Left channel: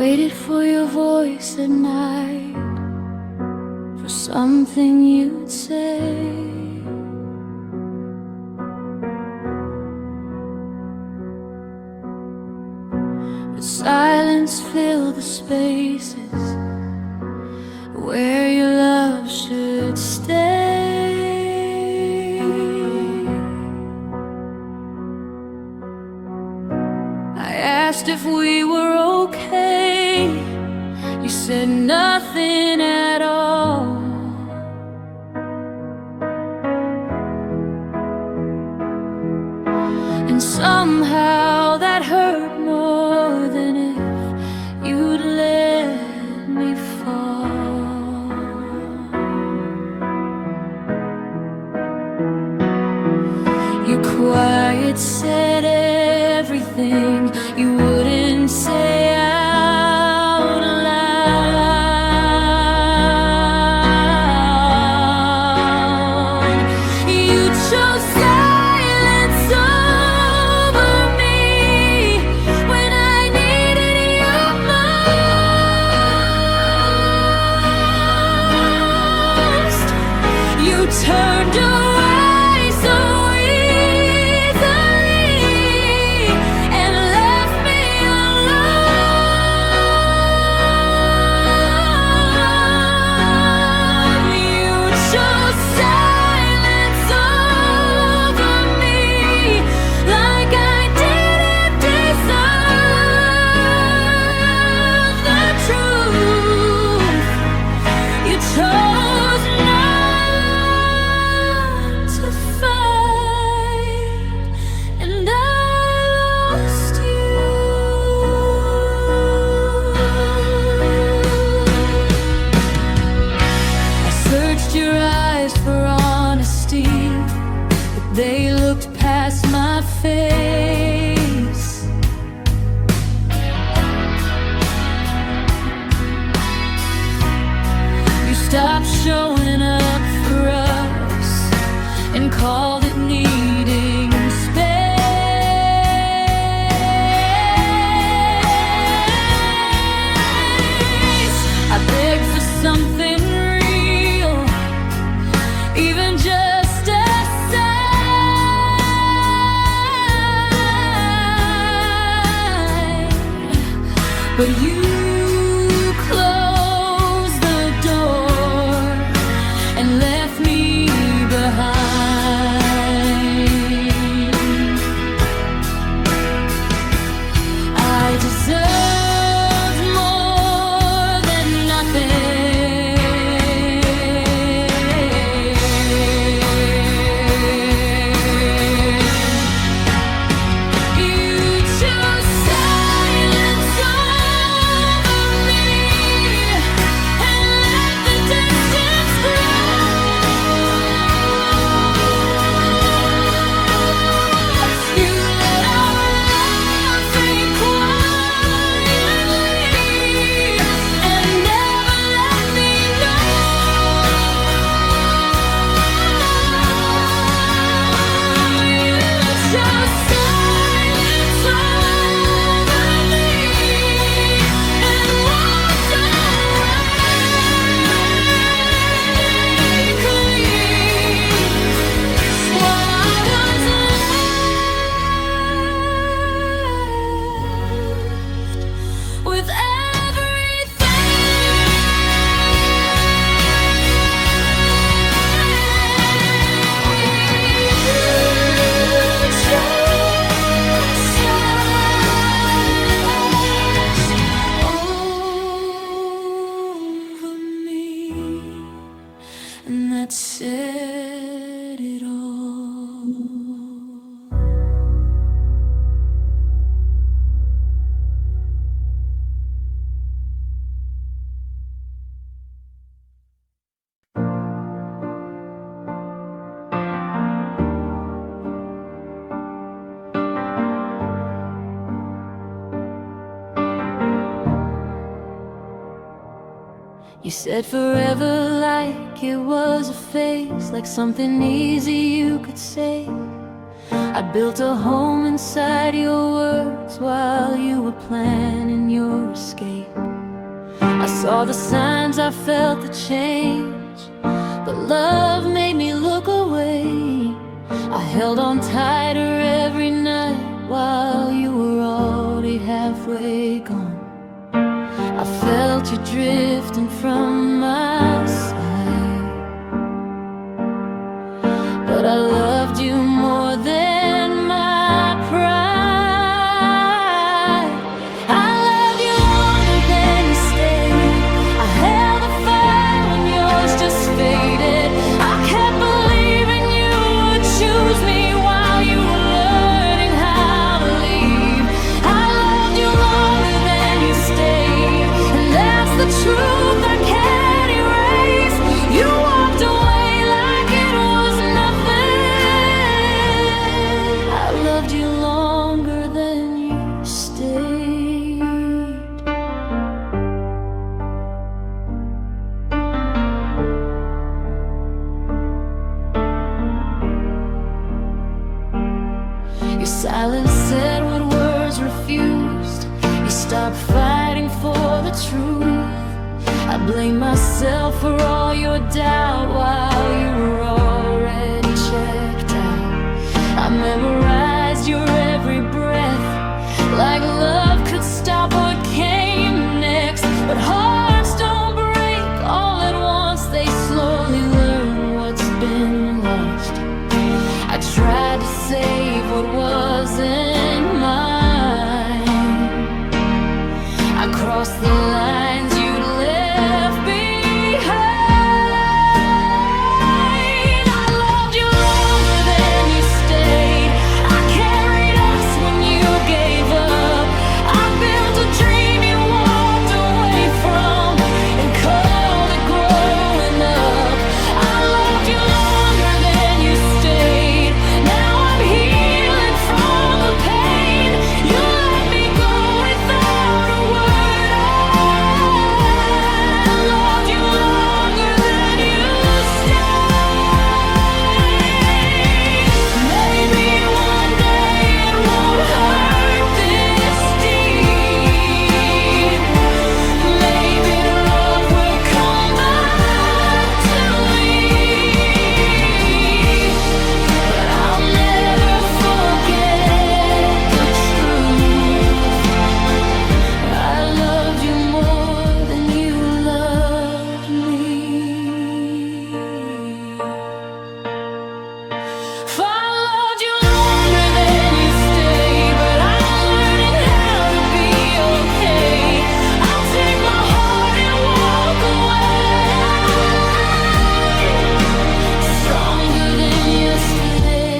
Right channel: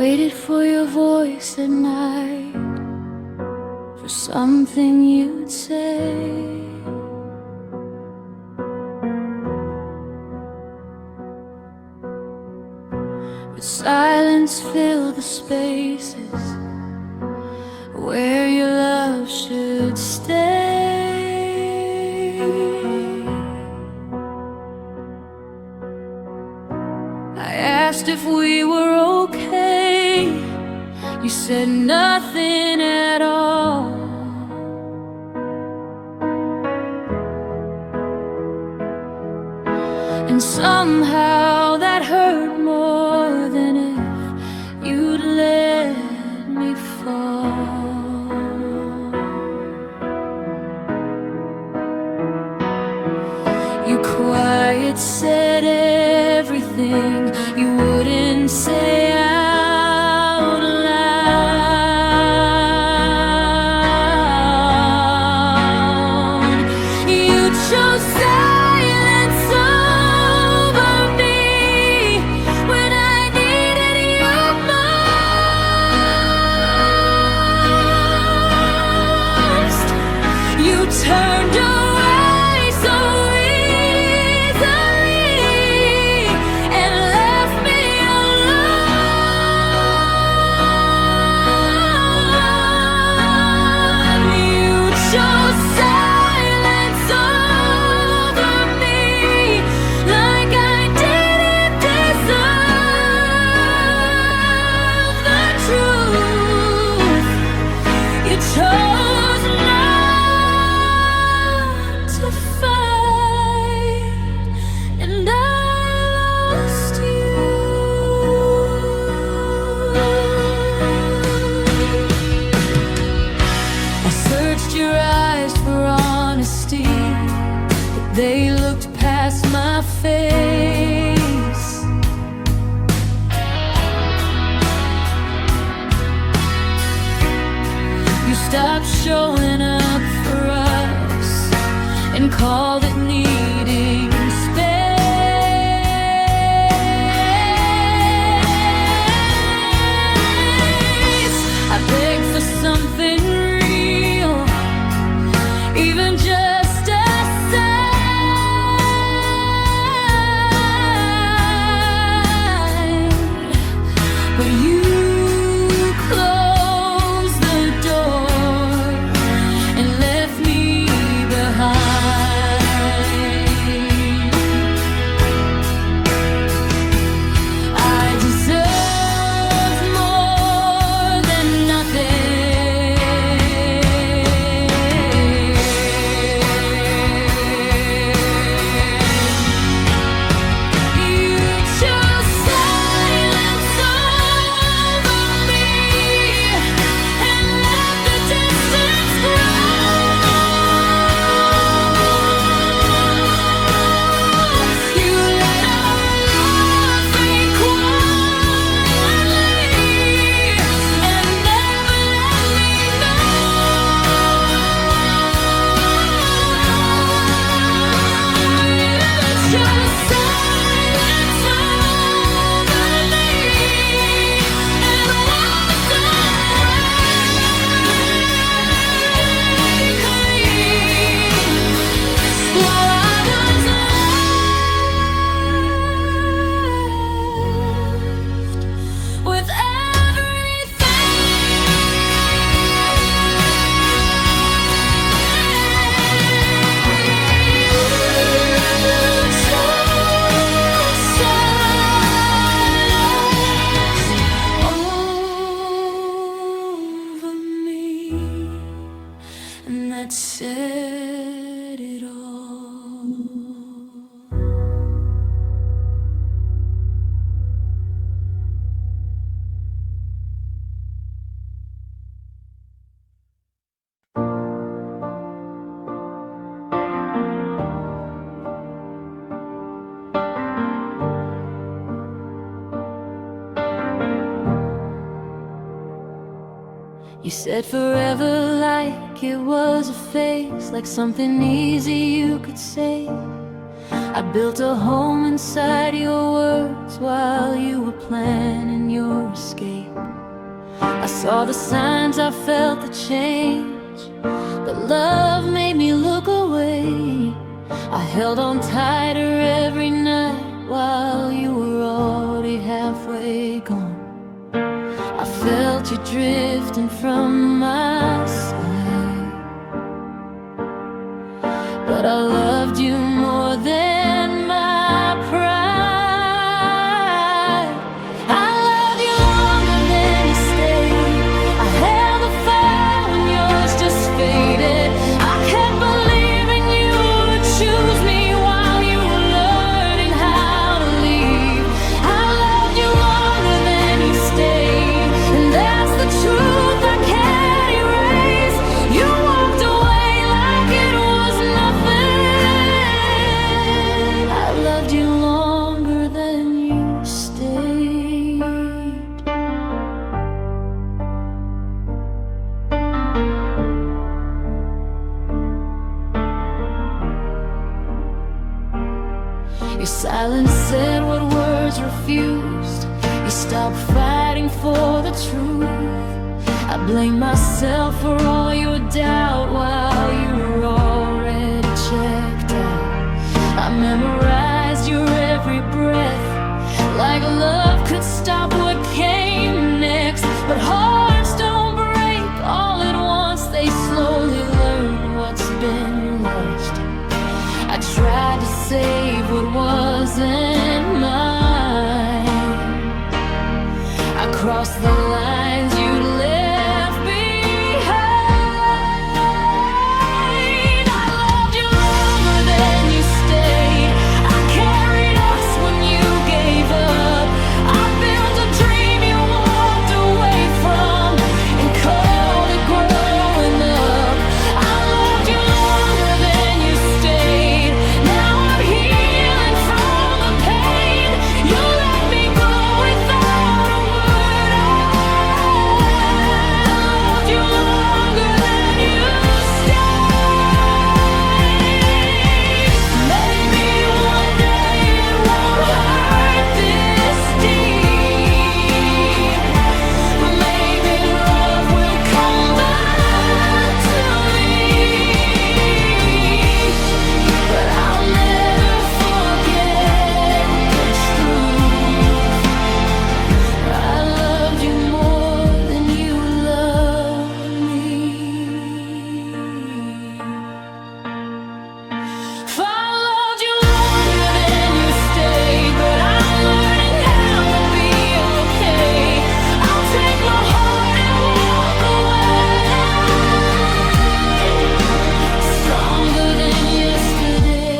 waited for your voice at night, for something you'd say. But silence filled the spaces where your love should stay. I asked if we were okay. You said nothing at all. And somehow that hurt more than if you'd let me fall. Your quiet said everything you wouldn't say out loud. You chose silence over me when I needed you most. You turned away so easily and left me alone. You chose silence over me like I didn't deserve the truth. You chose not to fight, and I lost you. I searched your eyes for honesty, but they looked past my face. You stopped showing up for us and called it needing space. I begged for something real, even just a sign, but you closed the door and left me behind. I deserved more than nothing. You chose silence over me and let the distance grow. You let our love fade quietly and never let me know. You chose silence over me and walked away clean while I was left with over me, and that said it all. You said forever like it was a phase, like something easy you could say. I built a home inside your words while you were planning your escape. saw the signs, I felt the change, but love made me look away. I held on tighter every night while you were already halfway gone. I felt you drifting from my side, but I loved you more than my pride. I loved you longer than you stayed. I held the fire when yours just faded. I kept believing you would choose me while you were learning how to leave. I loved you longer than you stayed, and that's the truth I can't erase. You walked away like it was nothing. I loved you longer than you stayed. Your silence said what words refused. You stopped fighting for the truth. I blame myself for all your doubt while you were already checked out. I memorized your every breath, like love could stop what came next. But hearts don't break all at once, they slowly learn what's been lost. I tried to save what wasn't mine. I crossed the lines you'd left behind. I loved you longer than you stayed. I carried us when you gave up. I built a dream you walked away from and called it growing up. I loved you longer than you stayed. Now I'm healing from the pain. You let me go without a word. I loved you longer than you stayed. Maybe one day it won't hurt this deep. Maybe love will come back to me, but I'll never forget the truth. I loved you more than you loved me. If I loved you longer than you stayed, but I'm learning how to be okay. I'll take my heart and walk away, stronger than yesterday.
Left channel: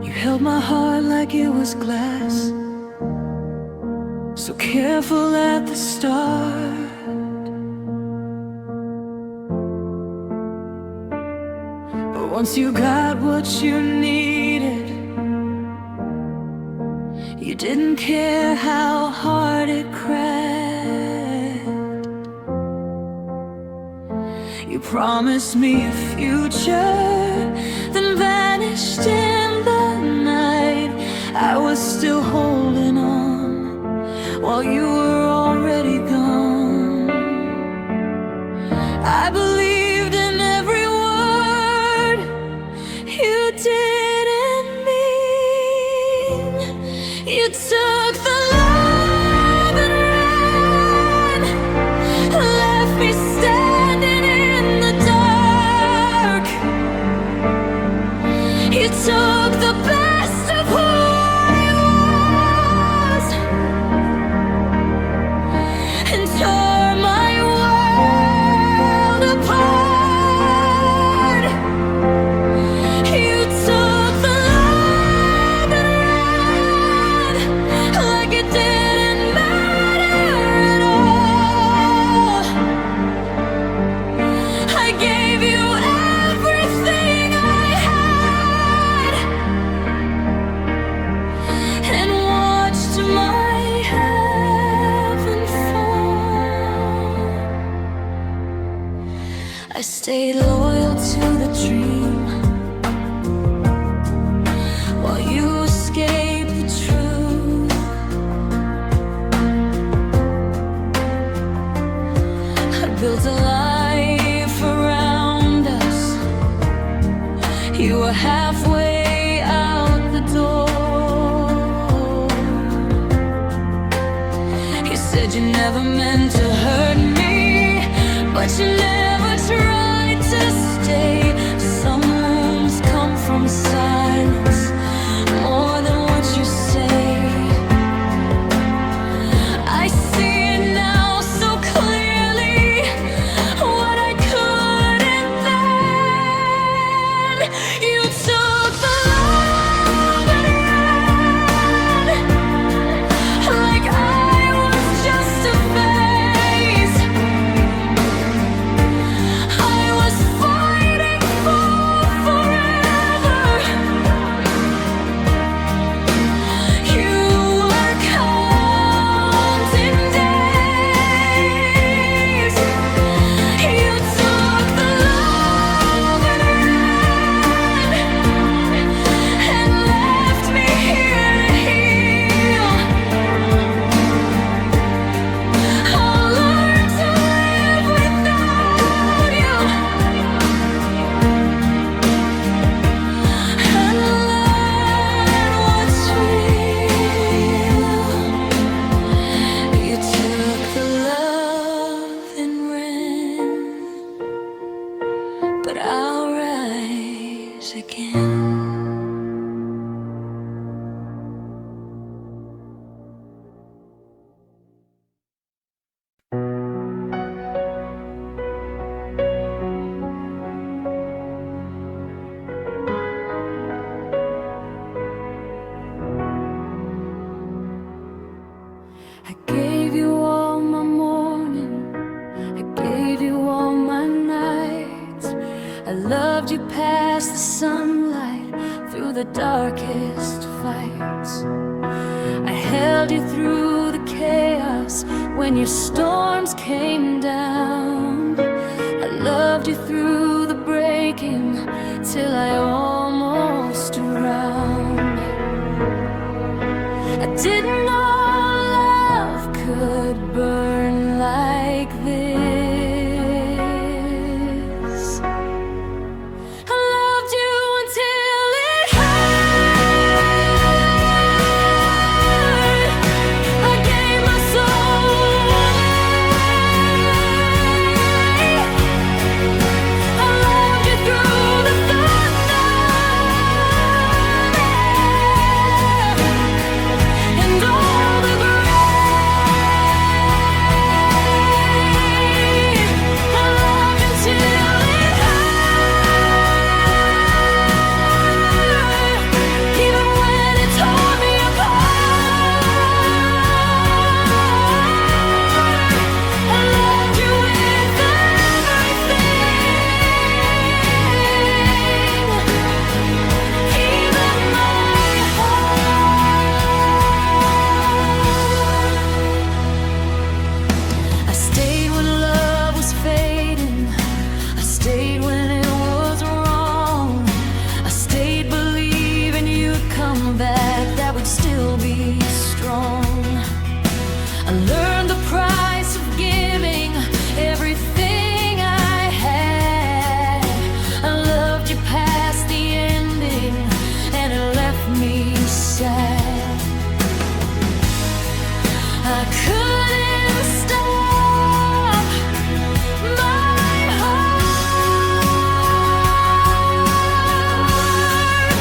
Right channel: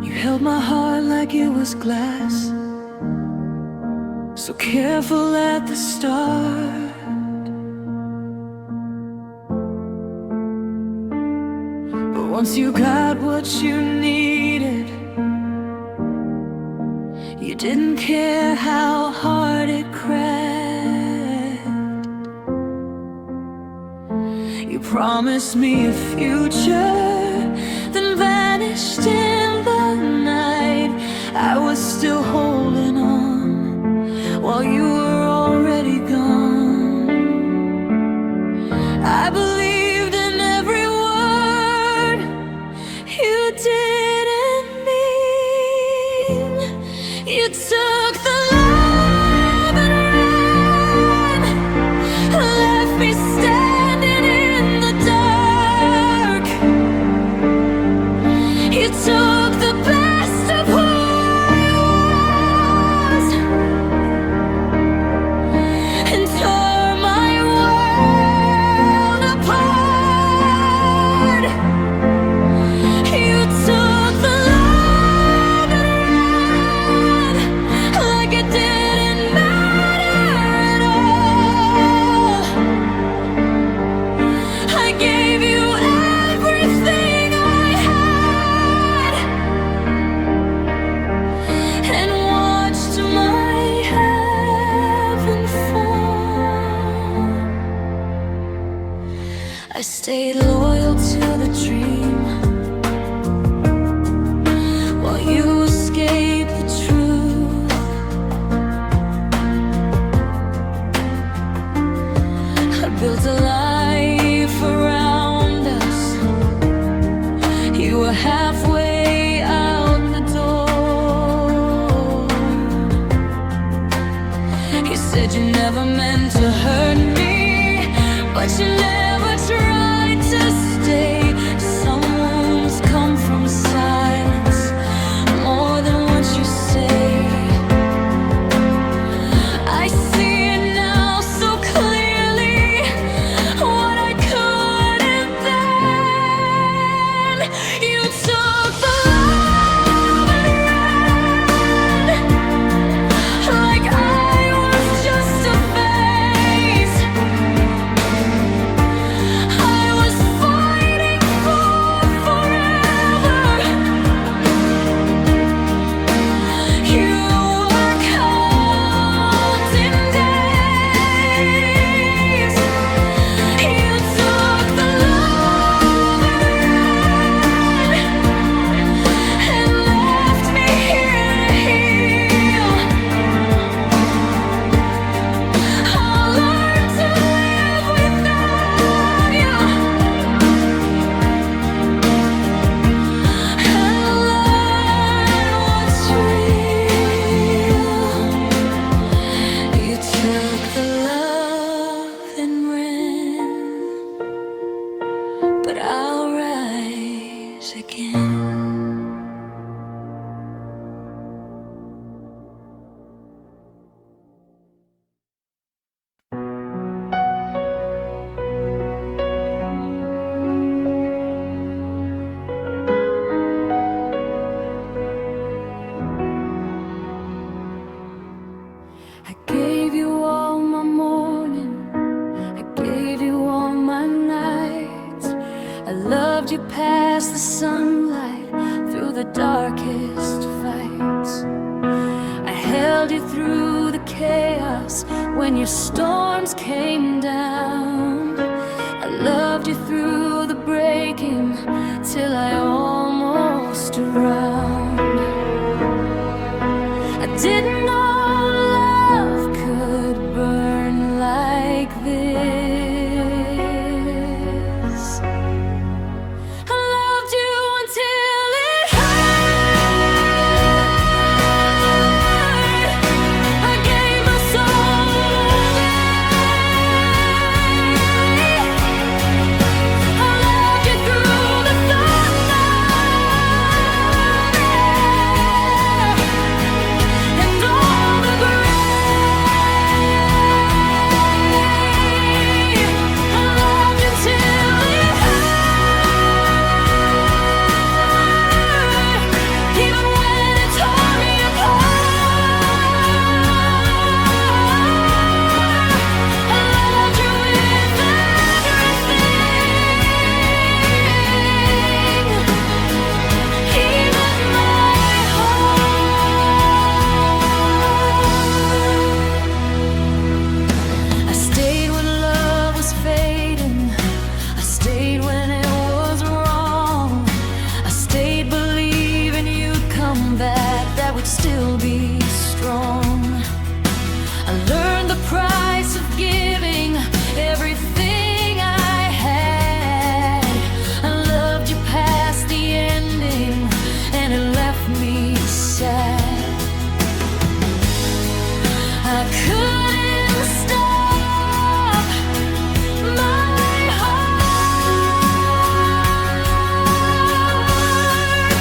You held my heart like it was glass, so careful at the start. But once you got what you needed, you didn't care how hard it cracked. You promised me a future, then vanished in the night. I was still holding on while you were already gone. I believed in every word you didn't mean. You took the love and ran, left me standing in the dark. You took the best of who I was and tore my world apart. You took the love and ran like it didn't matter at all. I stayed loyal to the dream while you escaped the truth. I built a life around us. You were halfway out the door. You said you never meant to hurt me, but you never tried to stay. Some wounds come from silence more than what you say. I see it now so clearly, what I couldn't then. You took the love in the end, like I was just a phase. I was fighting for forever. You were counting days. You took the love in the end and left me here to heal. I'll learn to live without you and learn what's real. You took the love and ran, but I'll rise again. I gave you all my morning, I gave you all my nights. I loved you past the sunlight, through the darkest fights. I held you through the chaos when your storms came down. I loved you through the breaking till I almost drowned. I didn't know love could burn like this. I loved you until it hurt. I gave my soul away. I loved you through the thunder and all the gray. I loved you till it hurt, even when it tore me apart. I loved you with everything, even my heart. I stayed when love was fading. I stayed when it was wrong. I stayed believing you'd come back, that we'd still be strong. I learned the price of giving everything I had. I loved you past the ending, and it left me sad. I couldn't stop my heart.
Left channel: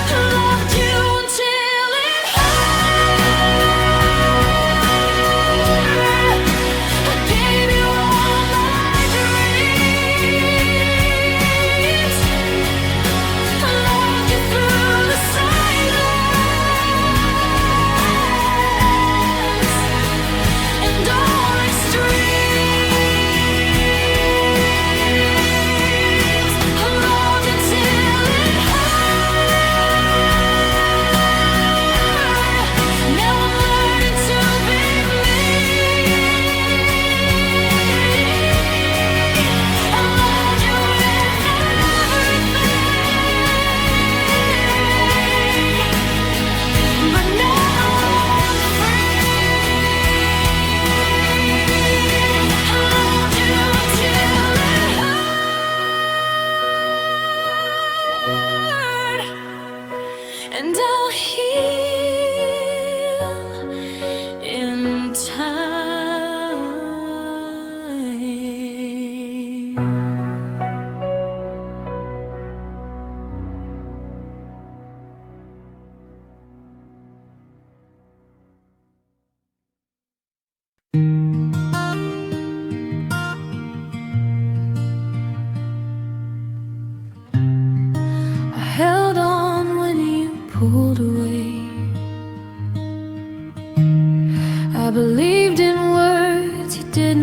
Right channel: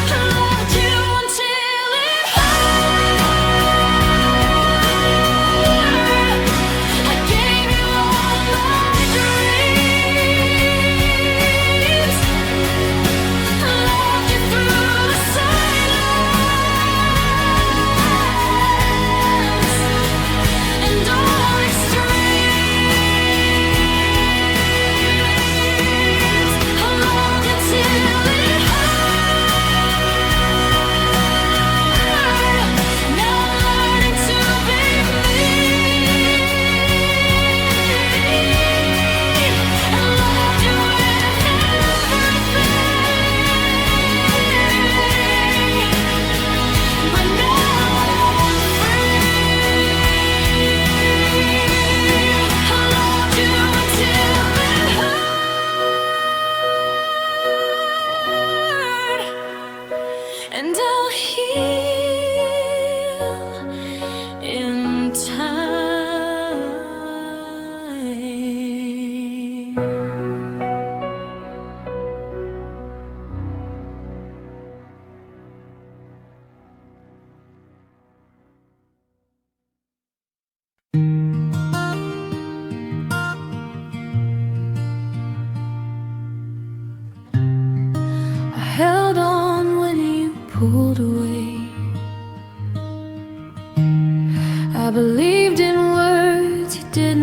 I loved you until it hurt. I gave you all my dreams. I loved you through the silence and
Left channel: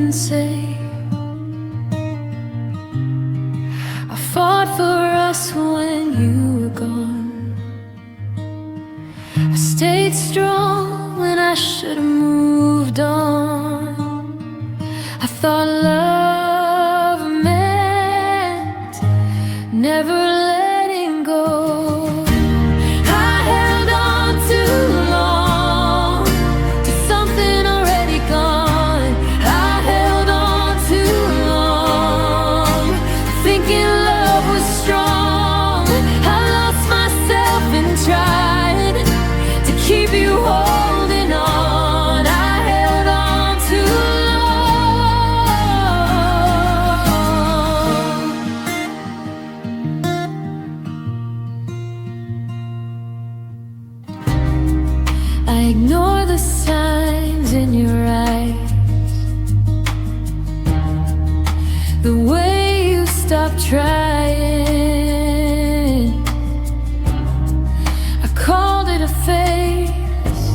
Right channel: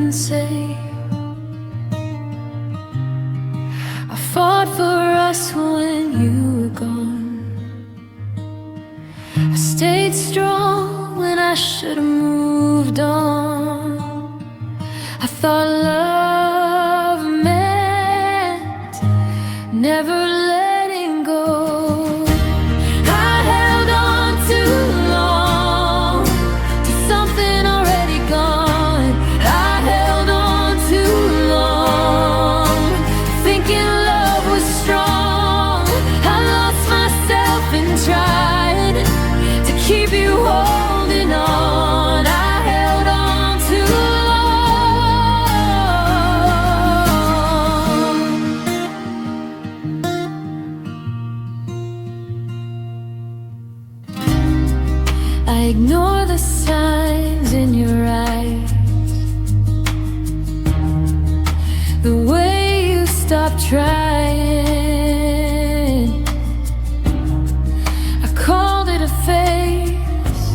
and say, I fought for us when you were gone. I stayed strong when I should have moved on. I thought love meant never letting go. I held on too long to something already gone. I held on too long, thinking love was strong. I lost myself and tried to keep you holding on. I held on too long. I ignore the signs in your eyes, the way you stopped trying. I called it a phase,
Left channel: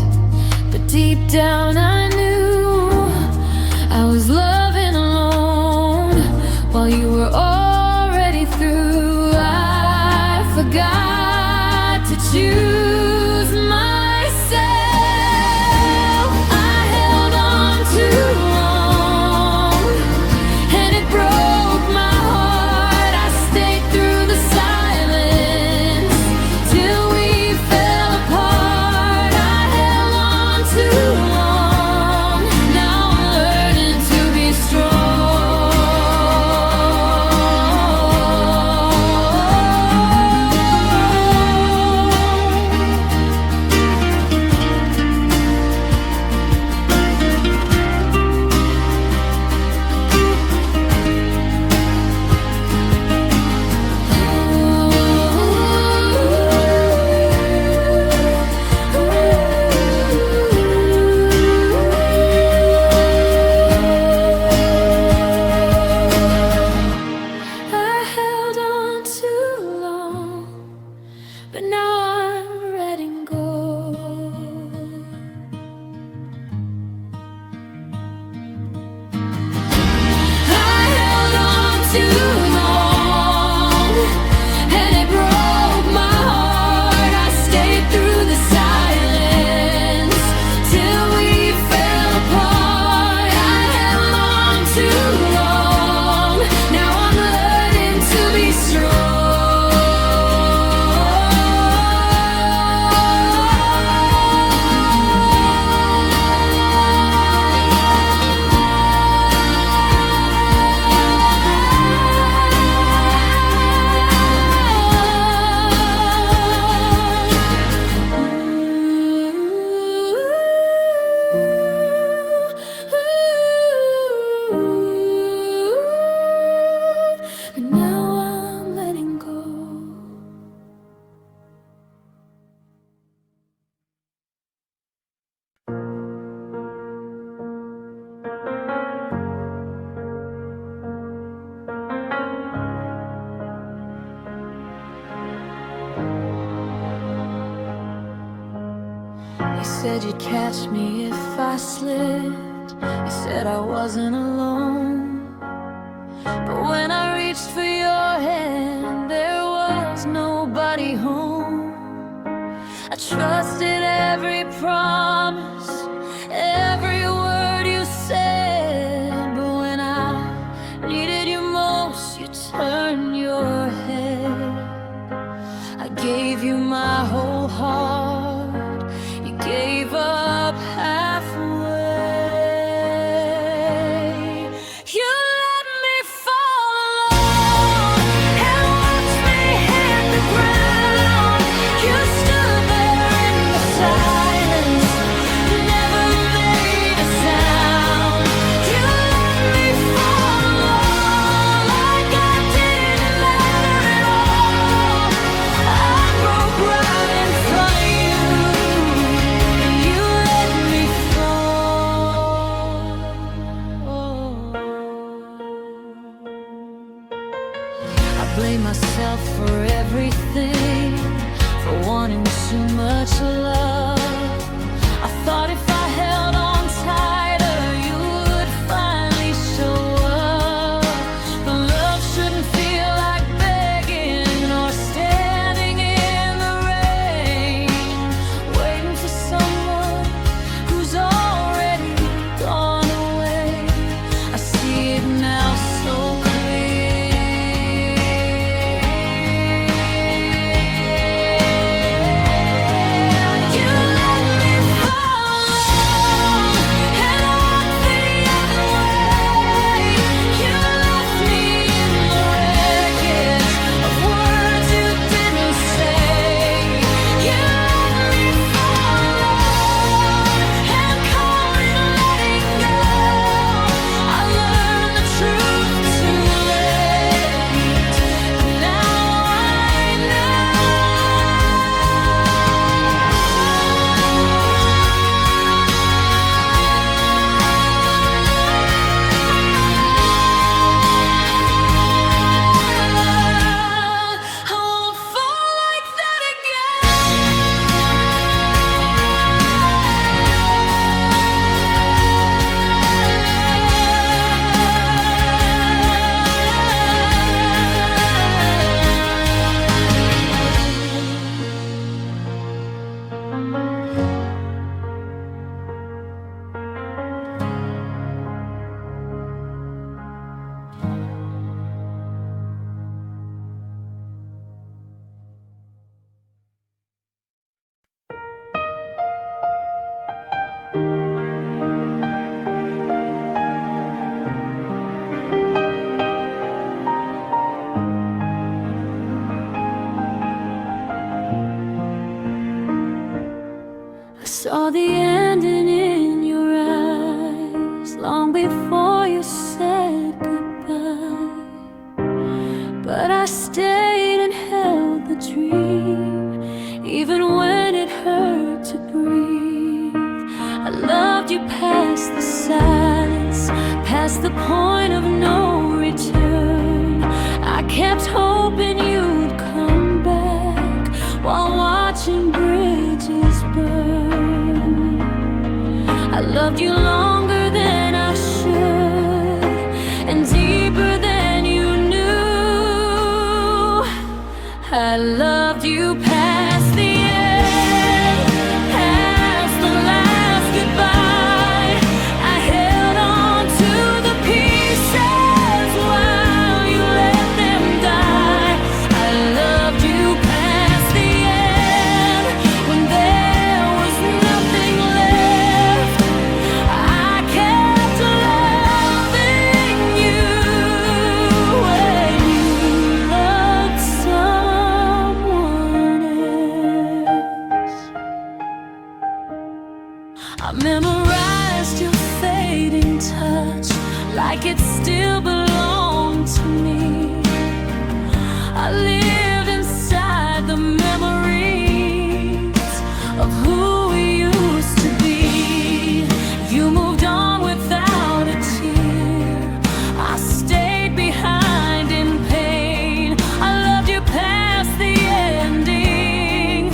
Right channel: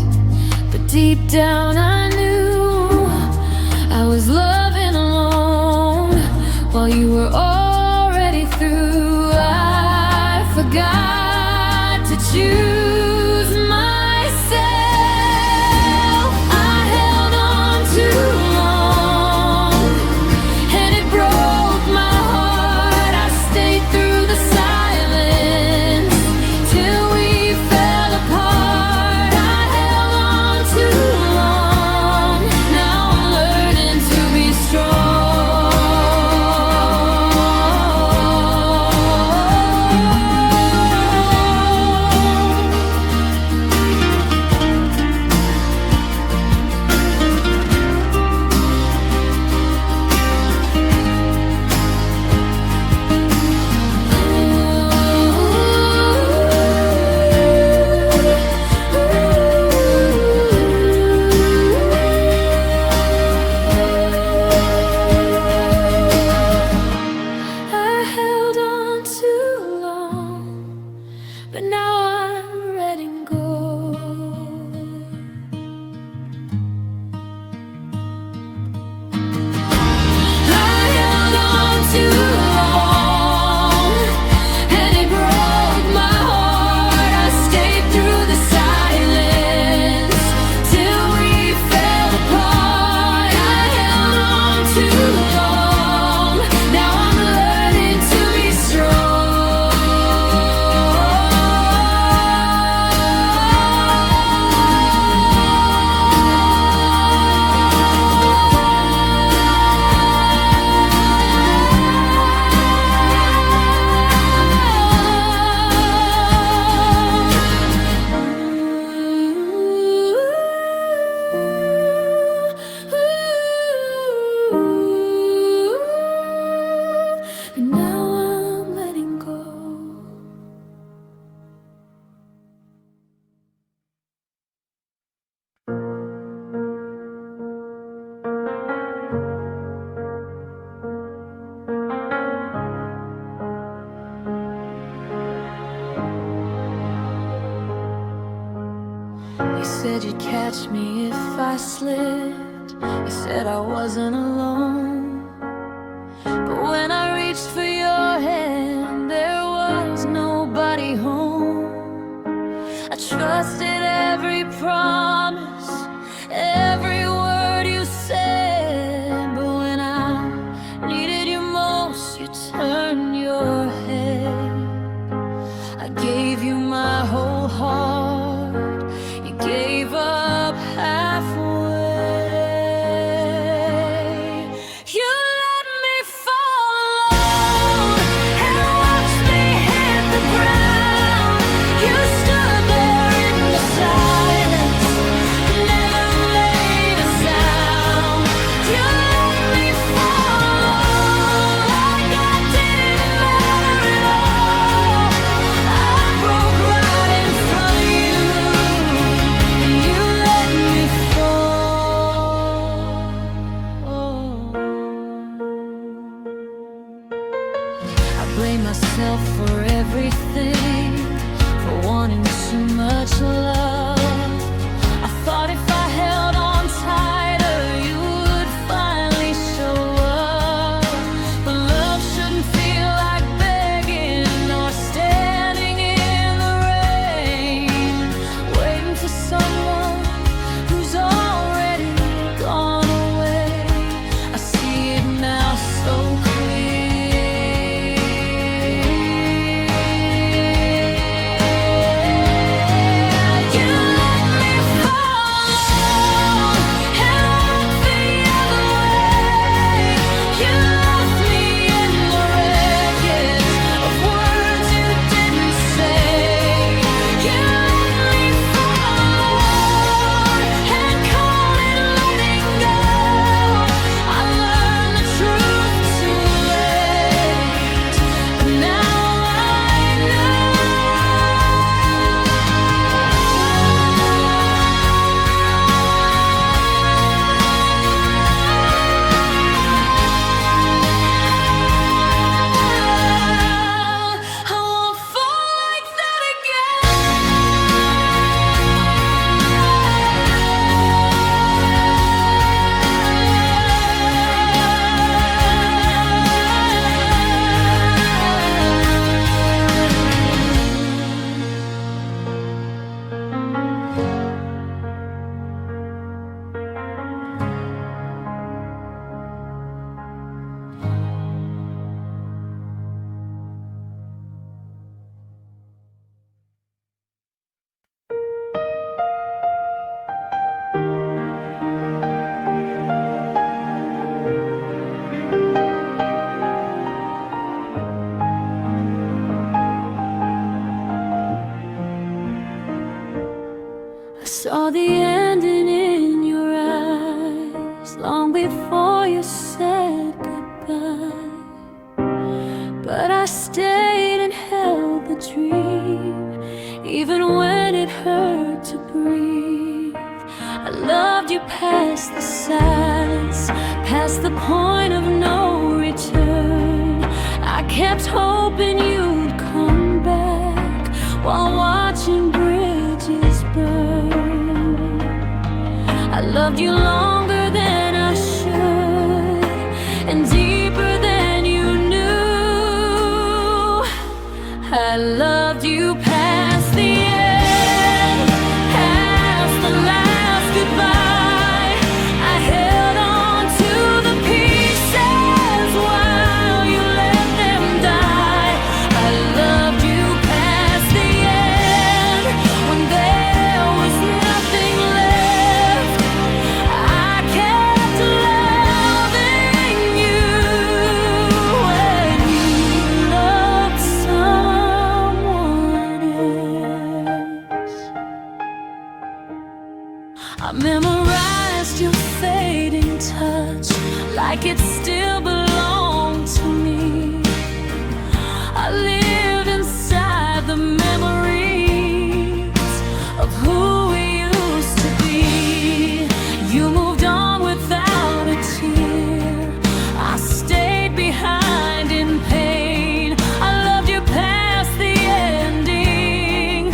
but deep down I knew I was loving alone while you were already through. I forgot to choose myself. I held on too long, and it broke my heart. I stayed through the silence till we fell apart. I held on too long. Now I'm learning to be strong. I held on too long, but now I'm letting go. I held on too long, and it broke my heart. I stayed through the silence till we fell apart. I held on too long. Now I'm learning to be and now I'm letting go. You said you'd catch me if I slipped. You said I wasn't alone. But when I reached for your hand, there was nobody home. I trusted every promise, every word you said. But when I needed you most, you turned your head. I gave you my whole heart, you gave up halfway. You let me fall alone and watch me hit the ground. You stood there in the silence, never made a sound. You let me fall alone like I didn't matter at all. I broke right in front of you, and you let me fall. I blame myself for everything, for wanting too much love. I thought if I held on tighter, you would finally so I saw the ending in your eyes long before you said goodbye. But I stayed and held the dream, even when it hurt to breathe. I loved you past the silence, past the point of no return. I kept hoping you'd come back while watching bridges burn. I loved you longer than I should, and deeper than you knew. I loved you past the end, past the last goodbye. I held on to the pieces while you let them die. I loved you past the end, when there was nothing left. I kept loving you when you loved someone else. I memorized your fading touch like it still belonged to me. I live inside the memories of who we used to be. You moved on without a tear, I stayed behind in pain. I loved you past the ending,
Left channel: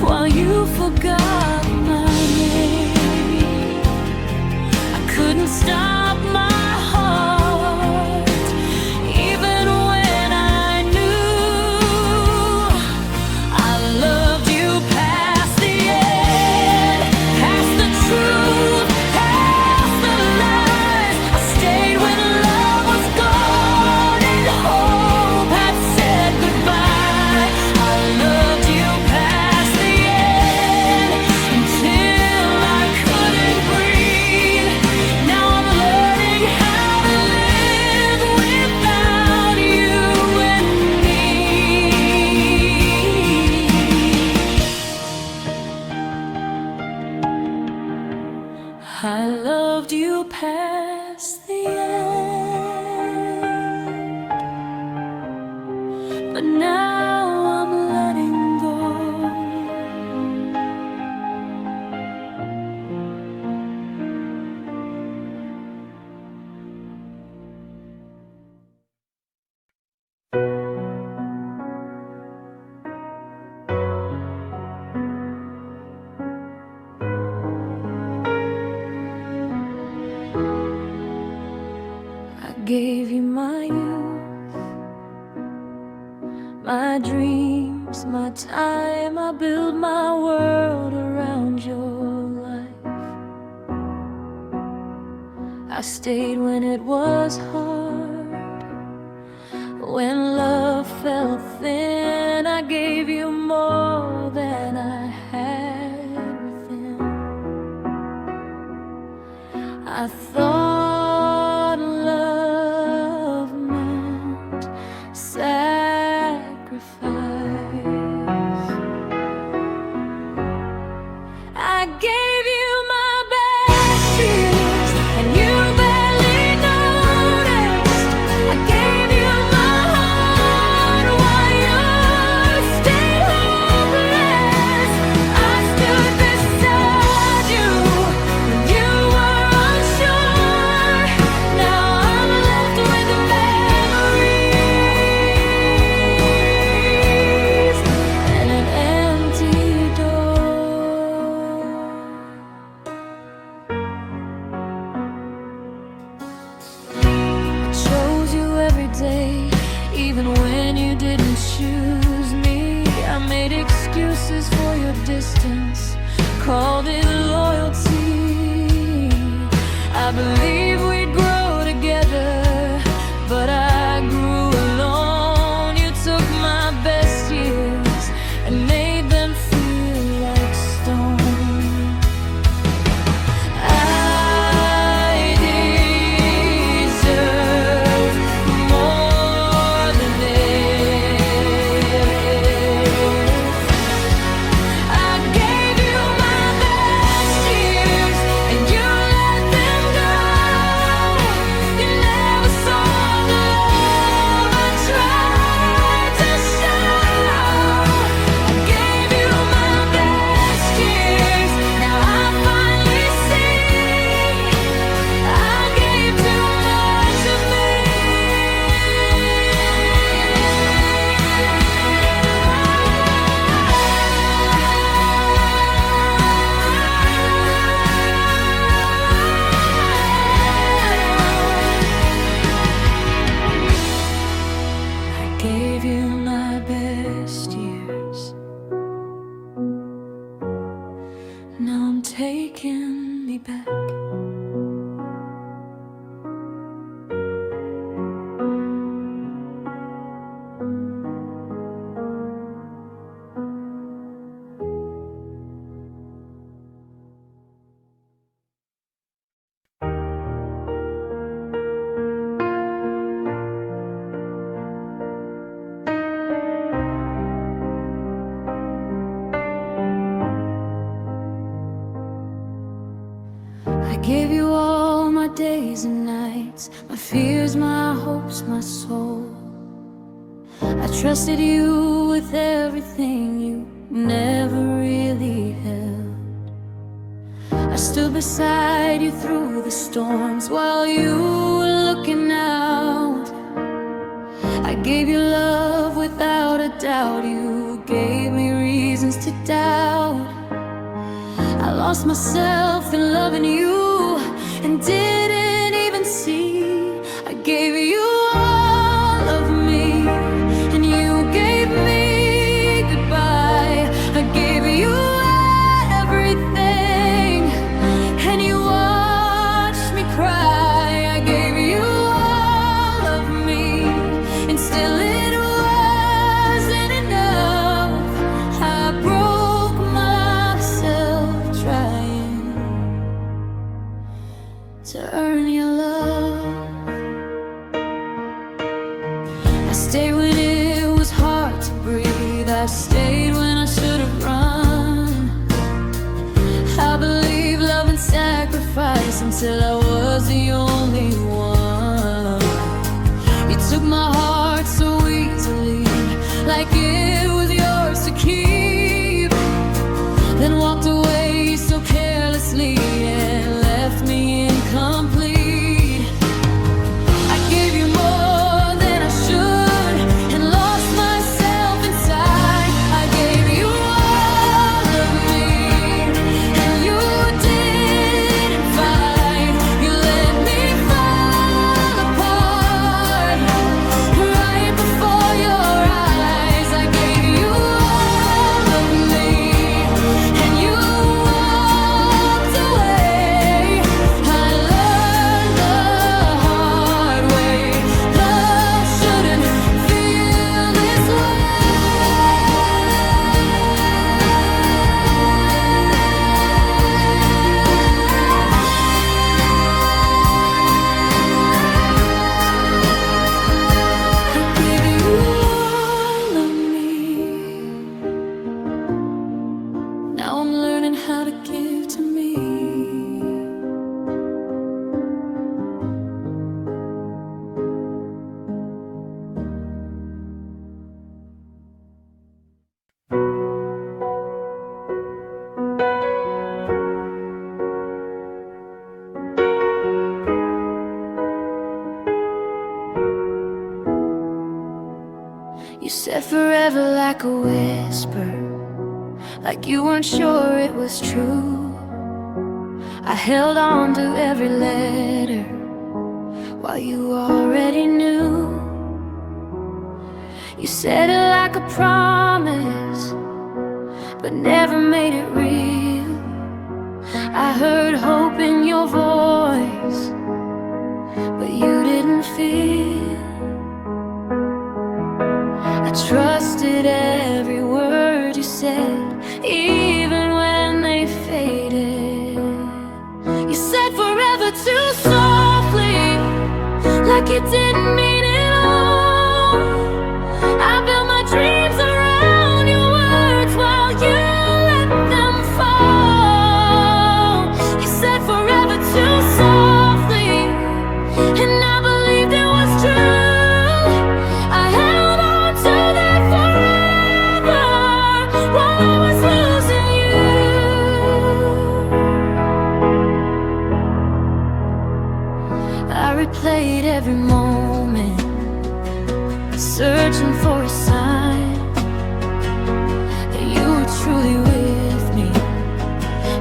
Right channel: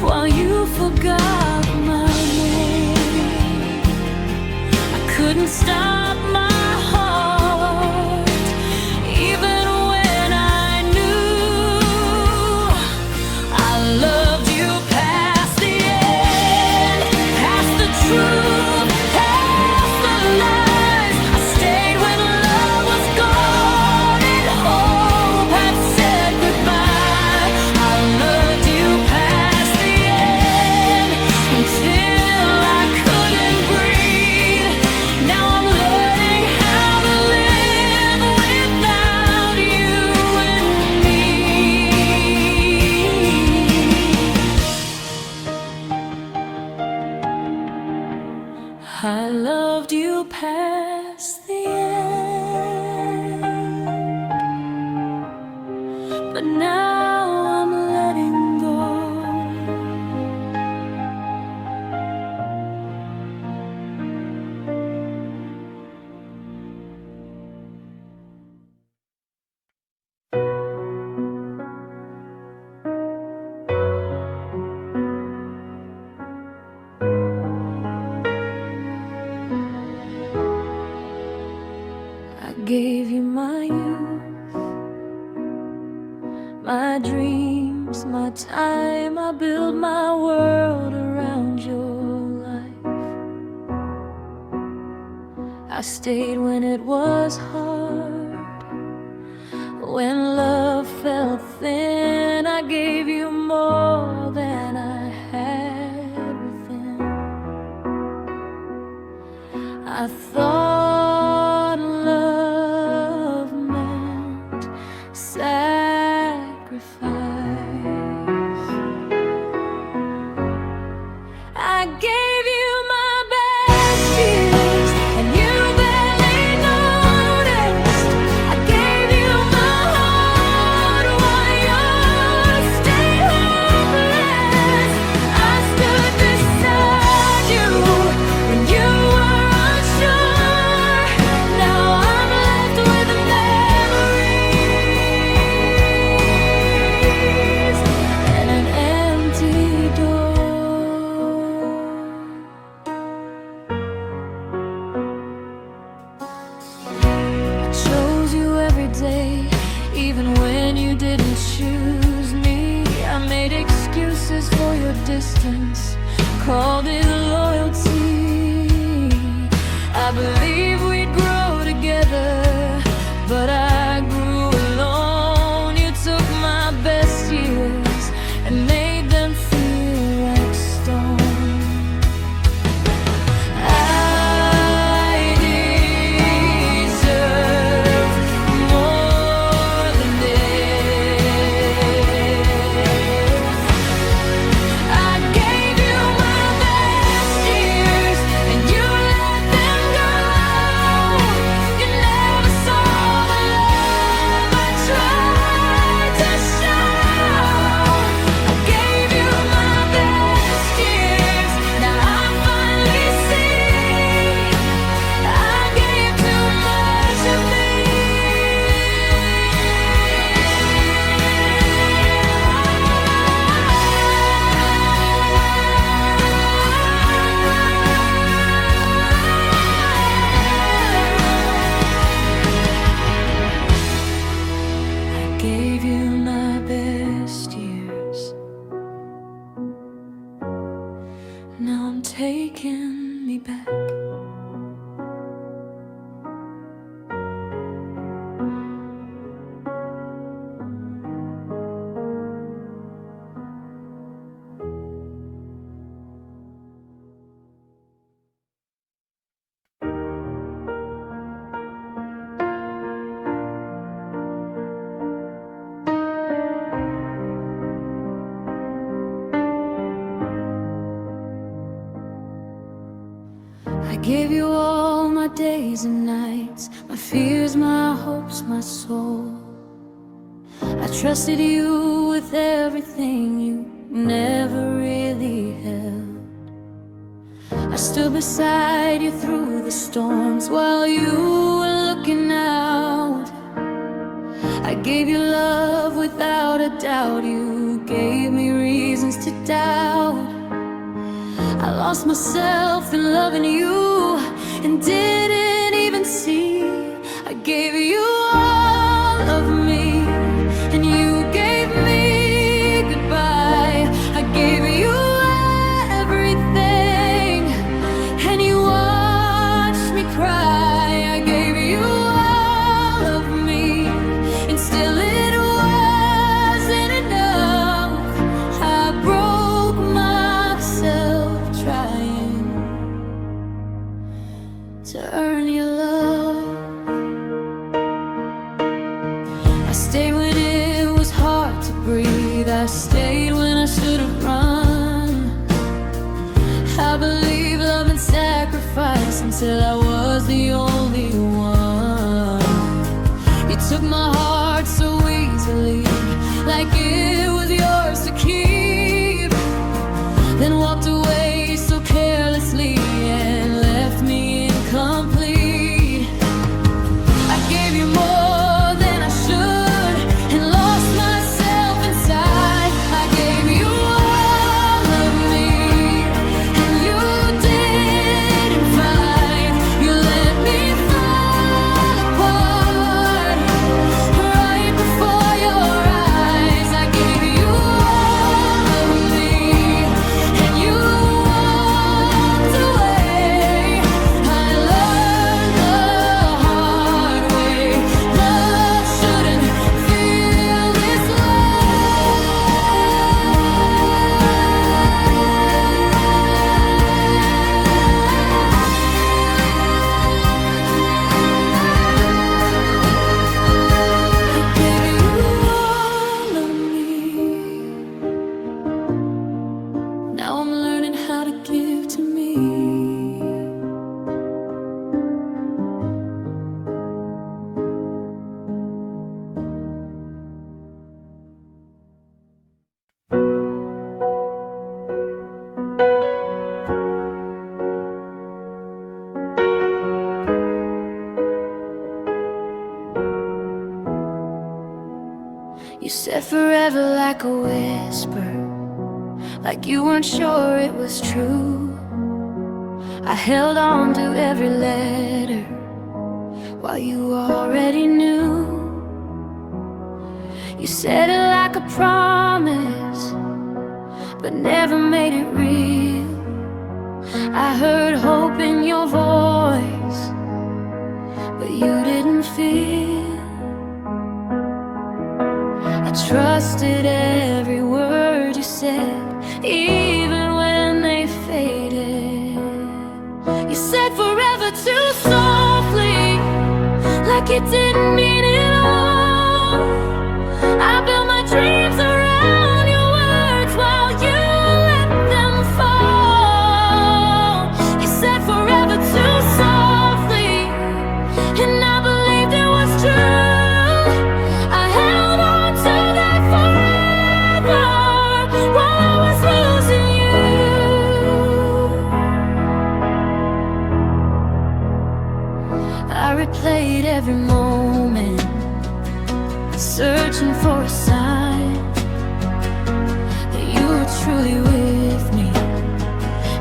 while you forgot my name. I couldn't stop my heart, even when I knew. I loved you past the end, past the truth, past the lies. I stayed when love was gone and hope had said goodbye. I loved you past the end, until I couldn't breathe. Now I'm learning how to live without you and me. I loved you past the end, but now I'm letting go. I gave you my youth, my dreams, my time. I built my world around your life. I stayed when it was hard, When love fell thin, I gave you more than I had within. I thought love meant sacrifice. I gave you my best years, and you barely noticed. I gave you my heart while you stayed hopeless. I stood beside you when you were unsure. Now I'm left with memories and an empty door. Chose you every day, even when you didn't choose me. I made excuses for your distance, called it loyalty. I believed we'd grow together, but I grew alone. You took my best years and made them feel like stone. I deserve more than this. I gave you my best years, and you let them go. You never saw the love I tried to show. I gave you my best years. Now I finally see I gave too much of me. I gave you my best years. Now I'm taking me back. I gave you all my days and nights, my fears, my hopes, my soul. I trusted you with everything you never really held. I stood beside you through the storms while you were looking out. I gave you love without a doubt. You gave me reasons to doubt. I lost myself in loving you and didn't even see. I gave you all of me, and you gave me goodbye. I gave you everything, and you watched me cry. I gave you all of me, and still it wasn't enough. I broke myself trying to earn your love. I stayed when it was hard to breathe. I stayed when I should have run. I believed love and sacrifice until I was the only one. You took my heart so easily, like it was yours to keep, then walked away so carelessly and left me incomplete. I gave you more than I should and lost myself inside. I gave you all of me, and you didn't fight. You let me fall apart right before your eyes. I gave you all of me, and you walked away. I learned give to me. You said forever like a whisper, like you weren't sure it was true. I held on to every letter while you already knew. You said it like a promise, but never made it real. I heard hope in your voice, but you didn't feel. I trusted every word you said, even when they faded. You said forever too softly, like it didn't mean it all. I built my dreams around your words while you let them fall. You said forever too softly, and I believed it was true. I held on to that forever while I was losing you. I replayed every moment, searching for a sign that you were truly with me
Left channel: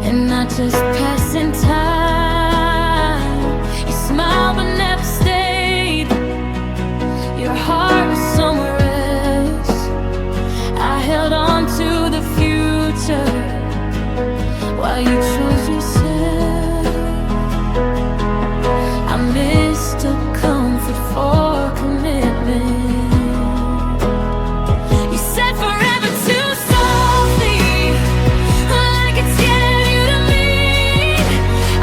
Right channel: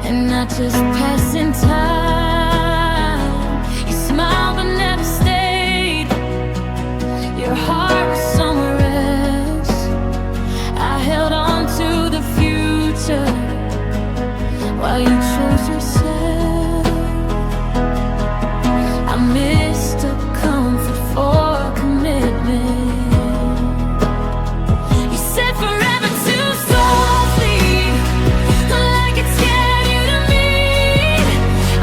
and not just passing time. You smiled but never stayed. Your heart was somewhere else. I held on to the future while you chose yourself. I mistook comfort for commitment. You said forever too softly, like it scared you to meet.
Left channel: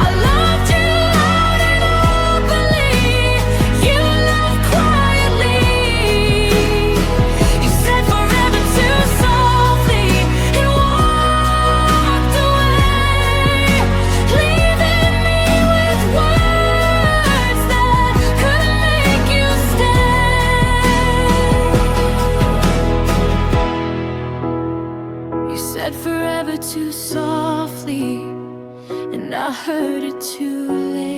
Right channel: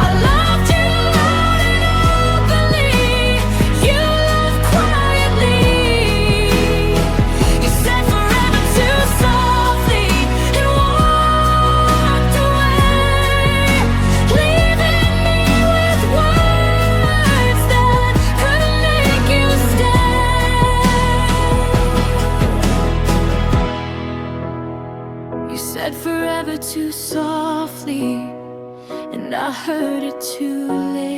I loved you loud and openly, you loved quietly. You said forever too softly and walked away, leaving me with words that couldn't make you stay. You said forever too softly, and I heard it too late.